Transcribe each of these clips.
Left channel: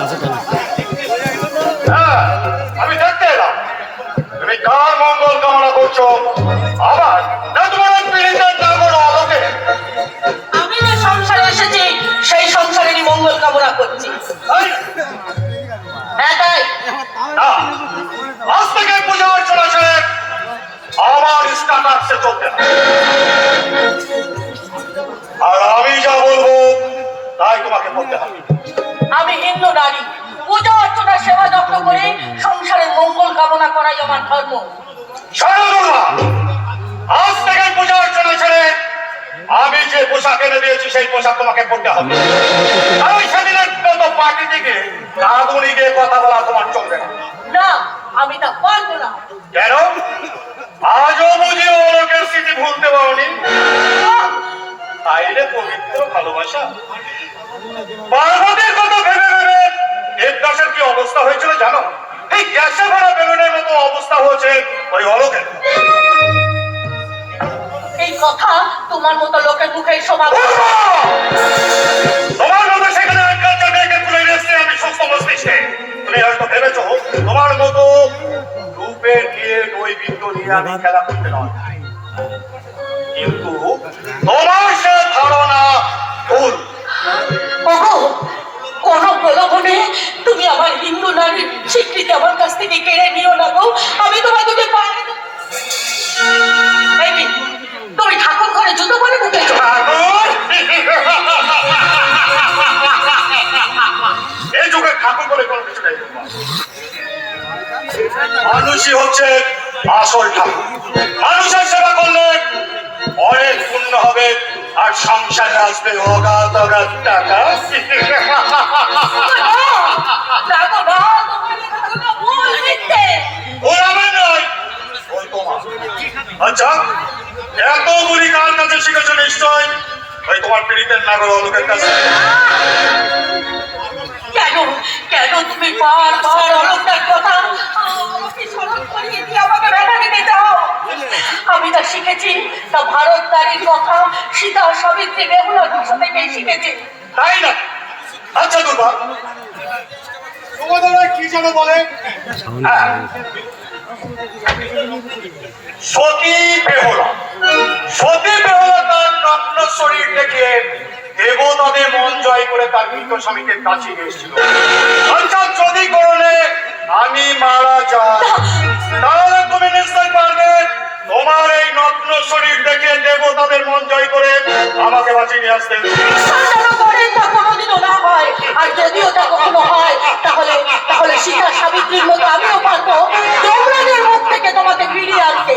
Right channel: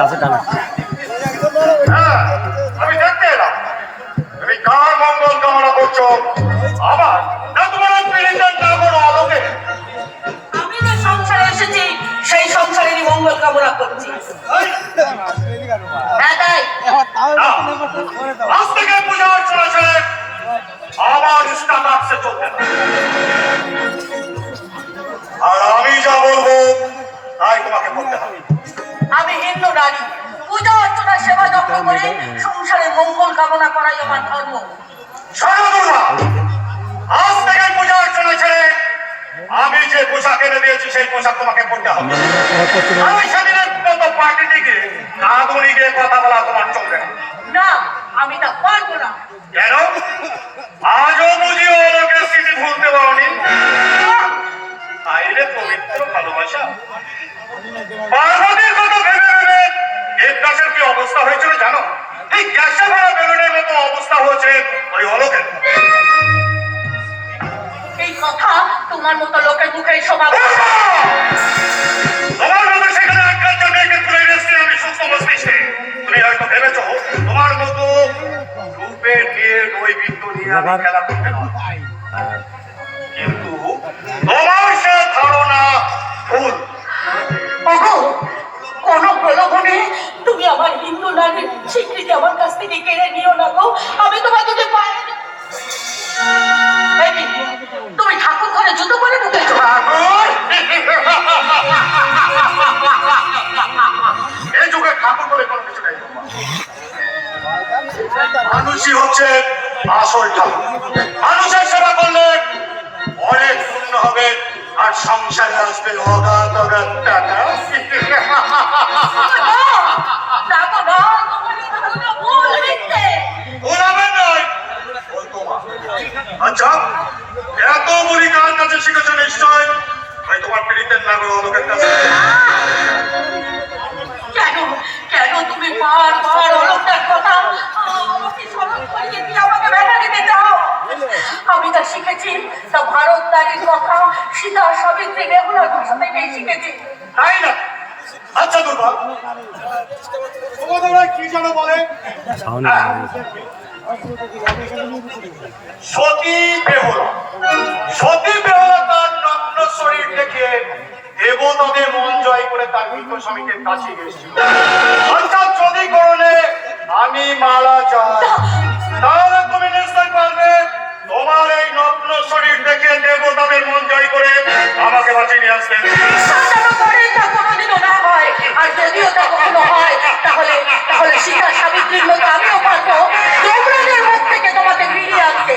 কাছে টানা আমি দেখতে এলাম তুমি কার মঙ্গল কামনা করছো আমার না তোমার আমাকে আমি যে সংসারে এসেছি সেই সংসারেরই মঙ্গল কামনা করছি। আজ থেকে পুজো অর্চনা করে আমার ইসলাম আসতে চলতে আর আমি যা বলবো তাই তোমাকে বলতে হবে। আমি হিন্দু নারী, পূজা অর্চনা সেবা যত্ন করে সংসারের মঙ্গল কামনা করাই আমার ধর্ম। আজ থেকে পূজা অর্চনা ছেড়ে আমি যে পোশাক এনে দিয়েছি সেই পোশাক তোমাকে পড়তে হবে। আমি সেদিনের মতো পার্টি দিকে আধুনিকে কথা বলা তোমার চলবে না, আমি তা পারবো না। কেন? আজও বুঝি ওকে স্মৃতি ভুলতে পারোনি? আইরে পবিত্র ভালোবাসা পার্বতীর কথা ভেবে ভেবে দেবদাসের কি অবস্থা হয়েছিল জানো? এই গ্যাসে ভরা বেলুনের মতো অবস্থা হয়েছে ওই অলোকের। এই কথা তোমার মতো লোকের মুখে শোনা তোমার মতো সেখানে আমি সুস্থ বসতেছি। তুমি হয়তো ভেবেছো তোমার মতো রূপের নিয়ে ওই বিন্দু নিয়ে আমি খেলা করতে পারবো, কিন্তু তোমার সে ধারণা ভুল। কোন প্রলোভনে তুমি আমার হিন্দু নারীর স্বীকৃতি আমার কাছ থেকে কেড়ে নিও না গো। আমি তোমাকে তুমি ঠাকুর ঘরে জুতো করে ঢুকেছো। এই যুগে ঠাকুর করে কোনো কিছু নেই। মানুষই হচ্ছে আসল ঠাকুর। মানুষের সেবা করলে অনেক পুণ্য হবে আর সংসারে আসবে অগাধ অগাধ টাকা। আচ্ছা, এত গুলি কার কাছে শিখেছো নিশ্চয় তোমার পীড়িতের নাগর অলোকের কাছে। কেন কেন তুমি বারবার অলোকের কথা আমাকে স্মরণ করিয়ে দিয়ে আমাকে ব্যথা দিতে চাও? আমি তা শিখেছি তা ভারত নারীর কথা সীতা সাবিত্রী বেহুলা ভাষা থেকেই শিখেছি। তাই না? আচ্ছা দুর্গা, তোমাদের কি যেন বলে সতী বেহুলা। সতী বেহুলা তার নগ্ন শরীর থেকে দেবতাদের মন জয় করে তার মৃত স্বামীকে কাছে গিয়েছিল। অর্থাৎ যদি করলে আমি মারা যাই তাহলে তুমি নিশ্চয় পারবে তোমার এই নগ্ন শরীর দেখে দেবতাদের মন জয় করে আমাকে বাঁচিয়ে নিয়ে আসতে। বিশ্বাস যেন করে তা কোনোদিনও না হয়। আর যদিও তা কখনো হয়, তাহলে তাহলে সীতা সাবিত্রীর মতো আমিও পারবো যমরাজের মুখ থেকে তোমাকে ফিরিয়ে আনতে।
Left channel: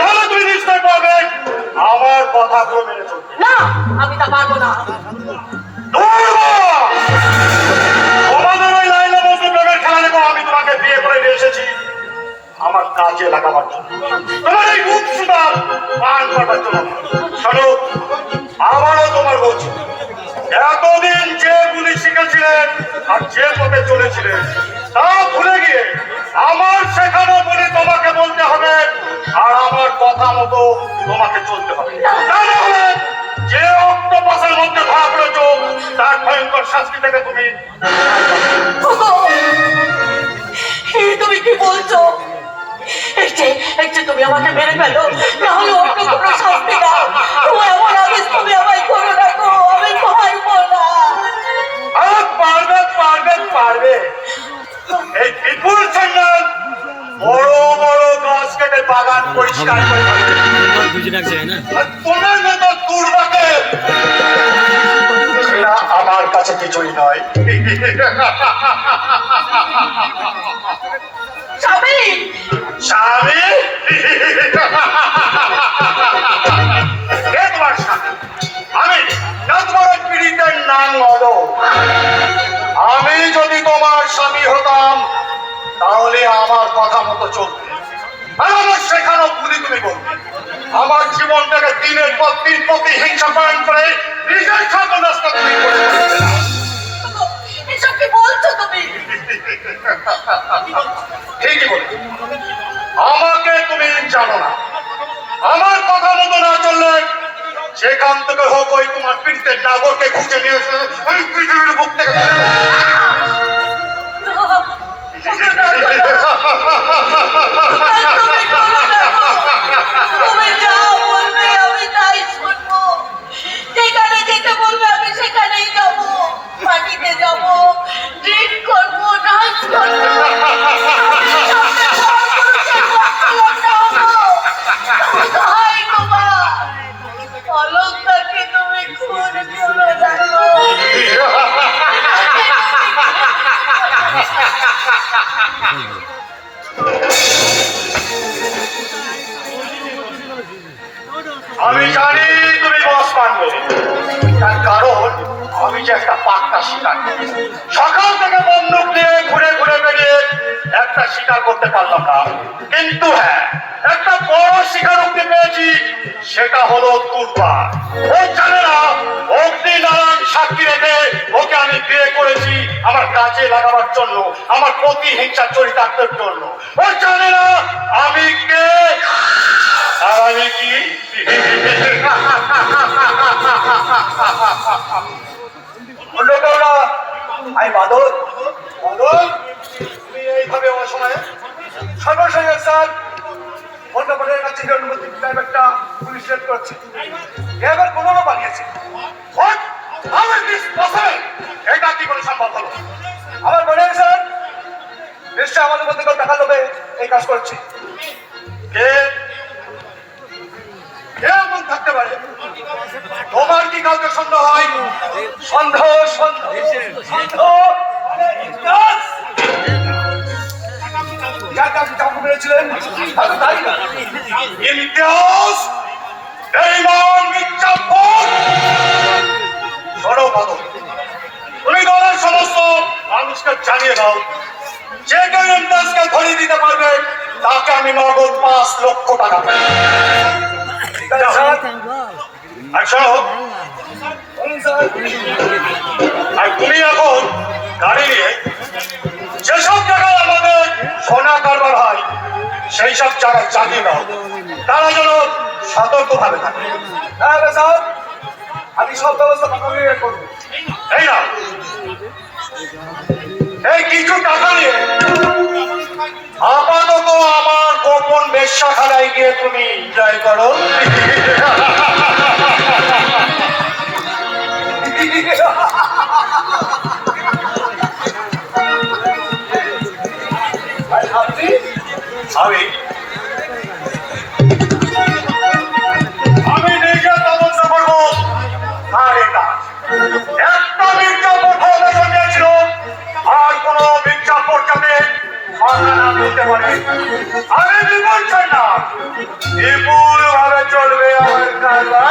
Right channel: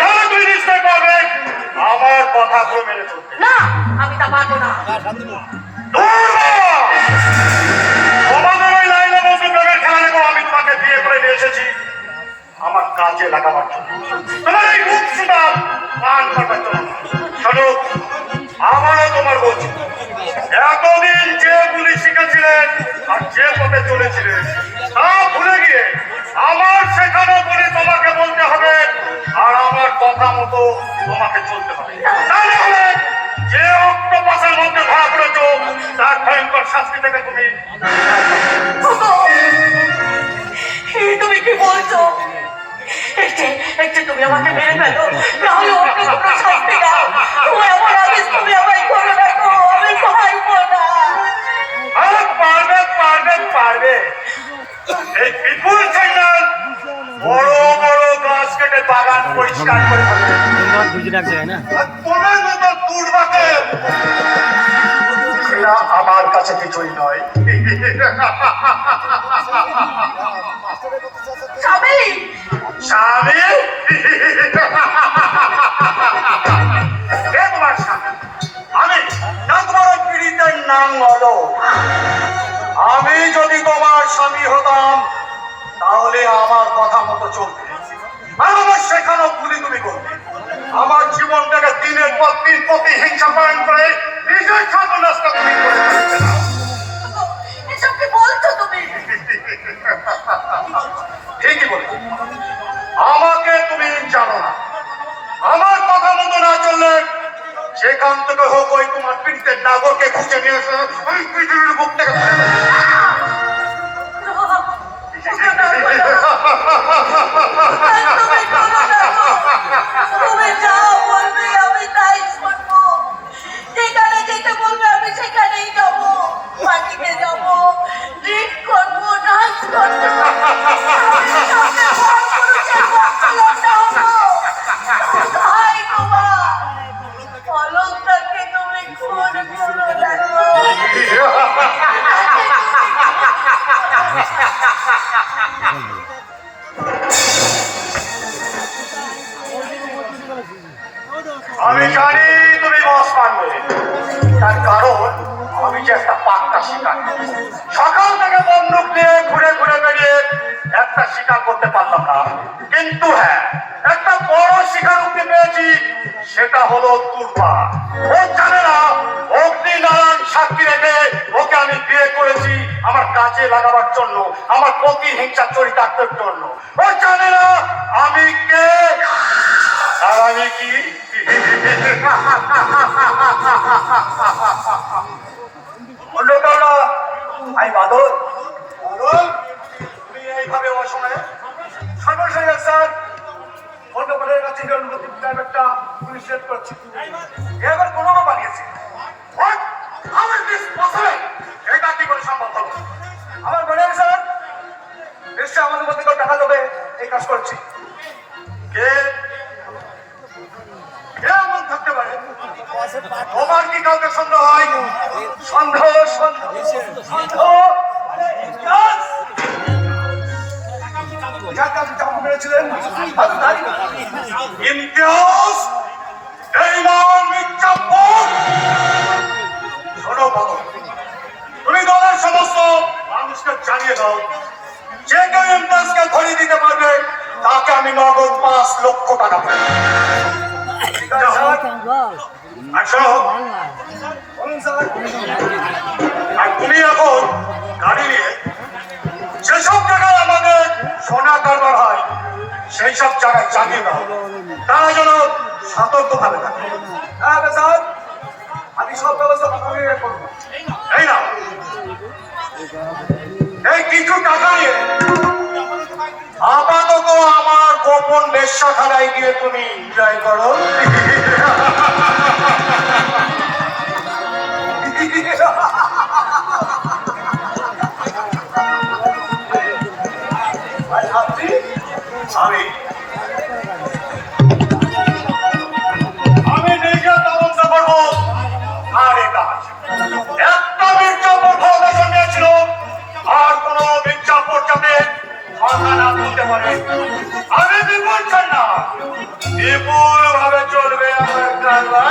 তাহলে তুমি নিশ্চয় পারবে আমার কথাগুলো মেনে চলতে। না, আমি তা পারবো না। তোমাদের এই লাইলা মজনু প্রেমের খেলা দেখো, আমি তোমাকে বিয়ে করে নিয়ে এসেছি আমার কাজে লাগাবার জন্য, তোমার এই মুখ সুদাল পান করবার জন্য। শোনো, আমারও তোমার বলছি, এতদিন যে গুলি শিখেছিলেন আর যে পথে চলেছিলেন তা ভুলে গিয়ে আমার শেখানো বলে তোমাকে বলতে হবে আর আমার কথা মতো তোমাকে চলতে হবে। তাহলে যে অক্টোপাসের মধ্যে ধরা পড়েছ তার ভয়ঙ্কর শাস্তি থেকে তুমি তুমি কি বলছো? একটু তুমি আমাকে মেরে ফেলো, নাহলে ওকে কোনো শাস্তি দাও। তুমি আমার আদেশ, তুমি আমায় করে রাখো, আমি পারবো না। আরে পারবে পারবে পারবে। এই বিপুল সেন্ডাল বড় বড় গাছ কেটে বাগান পরিষ্কার করে ফেলবে। আর তোমার মতো দুর্ভাগ্য এরা আমার কাছে কিছুই নয়। স্বামী, স্বামী? কে তোমার স্বামী? আমি না তোমার ওই পীড়িতের নাম হলো। আমি যদি তোমার স্বামী হতাম তাহলে আমার কথা মতো চলতে আর আমার শেখানো ভুলি তুমি বলবে। আমার জীবনটাকে দিনের পর দিন প্রতিহিংসা পালন করে নিজের সর্বনাশটা তুমি করতে পারবে না। এসব কি বলছো তুমি? ঠিকই বলছো, আমাকে তুমি জানো না। আমার কথা মতো না চললে যেখান থেকে হোক ওই তোমার পীড়িতের নাগরকে খুঁজে নিয়ে এসে ওই পৃথিবীর বুক থেকে তুমি যা বলবে আমি তাই শুনবো। যেখানে যেতে বলবে আমি সেখানেই যাবো। পার্টিতে যাবো, ড্রিঙ্ক করবো, নাচ করবো। অলঙ্কারকে তুমি খুন করো দেখো। আমি জানি তুমি বস মানবে, তার কারণ আমি যে একটা পাক্কা শিকার। সকাল থেকে বন্দুক নিয়ে ঘুরে ঘুরে বেরিয়ে একটা শিকার করতে পারলাম না, কিন্তু হ্যাঁ একটা বড় শিকার উঠতে পেয়েছি, সেটা হলো দুর্বা। ও জানে না অগ্নিনারায়ণ সাক্ষী রেখে ওকে আমি বিয়ে করেছি আমার কাজে লাগাবার জন্য, আমার প্রতিহিংসা চরিতার্থের জন্য। ও জানে না আমি কে আর আমি কি। আই বাদল, বাদল তুমি এইভাবে অসময়ে সঙ্গে সঙ্গে স্যার অন্য করে কাছে একটা পুলিশ রেড করছে, এবার কোনো বানিয়েছে। এটা কি করে সম্ভব হলো? আমার মনে হয় স্যার নিশ্চয় আমাদের মধ্যে কেউ টাকা লোভে এই কাজ করছে। এমন থাকতে পারে? তোমার কি কাউকে সন্দেহ হয়? সন্দেহ সন্দেহ সন্দেহ চাকু মেরেছিলেন ইমতিয়াজ, বেঈমান, মিথ্যাবাদ। শোনো বাদল, তুমি দলের সমস্ত মানুষকে জানিয়ে দাও যে কেউ ইমতিয়াজকে ধরে দিতে পারবে তাকে আমি নগদ 5 লক্ষ টাকা দেব। আর শোনো, আর তুমি এখন গাড়ি নিয়ে যেসব জায়গায় আমাদের সোনা কারবার হয় সেই সব জায়গায় জানিয়ে দাও, তারা যেন সতর্ক ভাবে থাকে। হ্যাঁ স্যার, আমি সব ব্যবস্থা করবো। এই না, এই কিছু টাকা নিয়ে আপাতত আমার গোপন বেশ্যাখানায় গিয়ে তুমি এনজয় করো। আমি আমি বিপুল চাই না, বিপুল ভাবে চলবে আমার খেলা।